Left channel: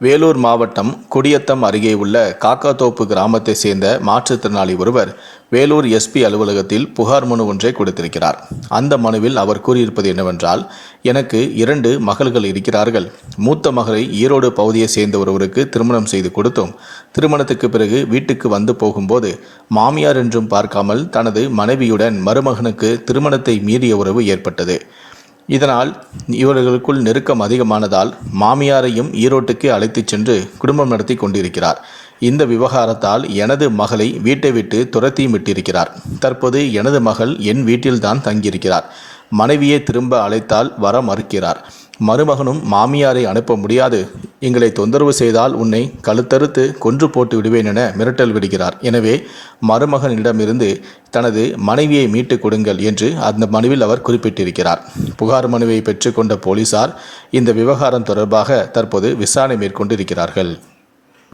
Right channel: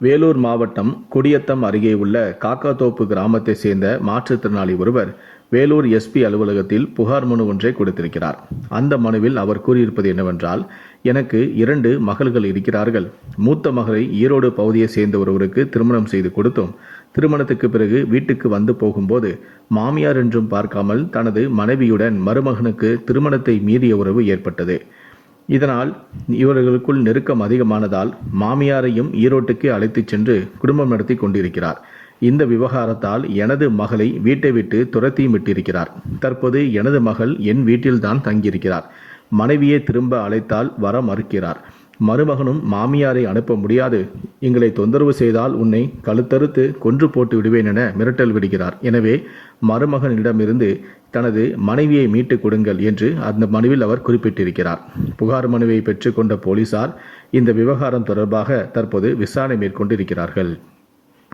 வேலூர் மாவட்டம் குடியத்தம் அருகே உள்ள காக்காத்தோப்பு கிராமத்தை சேர்ந்த மாற்றுத்திறனாளி ஒருவர் வேலூர் எஸ்பி அலுவலகத்தில் புகார் மனு ஒன்றை கொடுத்திருக்கிறார். அந்த மனுவில் அவர் கூறியிருப்பது என்னவென்றால் எனக்கு இரண்டு மகள்கள் இருக்கிறார்கள். மூத்த மகளை ஈரோடு பகுதியை சேர்ந்த ஒருவருக்கு திருமணம் செய்து கொடுத்தோம். திருமணத்துக்கு பிறகு வீட்டுக்கு வந்து போகும்போது மாமியார் என்றும் பார்க்காமல் தனது மனைவியுடன் மருமகனுக்கு திருமணத்தை மீறிய உறவு ஏற்பட்டது. இதனால் இவர்களுக்குள் நெருக்கம் அதிகமானதால் மாமியாரையும் ஈரோட்டுக்கு அழைத்துச் சென்று குடும்பம் நடத்தி கொண்டிருக்கிறார். இந்த விவகாரத்தால் எனது மகளை வீட்டை விட்டு துரத்தியும் விட்டிருக்கிறார். தற்போது எனது மகள் என் வீட்டில்தான் தங்கியிருக்கிறார். மனைவியை திரும்ப அழைத்தால் வர மறுக்கிறார். மருமகனும் மாமியாரை அனுப்ப முடியாது. எங்களை தொந்தரவு செய்தால் உன்னை கழுத்தறுத்து கொன்று போட்டு விடுவேன் என மிரட்டல் விடுகிறார். எனவே மருமகனிடமிருந்து தனது மனைவியை மீட்டுக் கொடுங்கள் என்று அந்த மனுவில் அவர் குறிப்பிட்டிருக்கிறார். புகார் மனுவை பெற்றுக்கொண்ட போலீசார் இந்த விவகாரம் தொடர்பாக தற்போது விசாரணை மேற்கொண்டிருக்கிறார்கள்.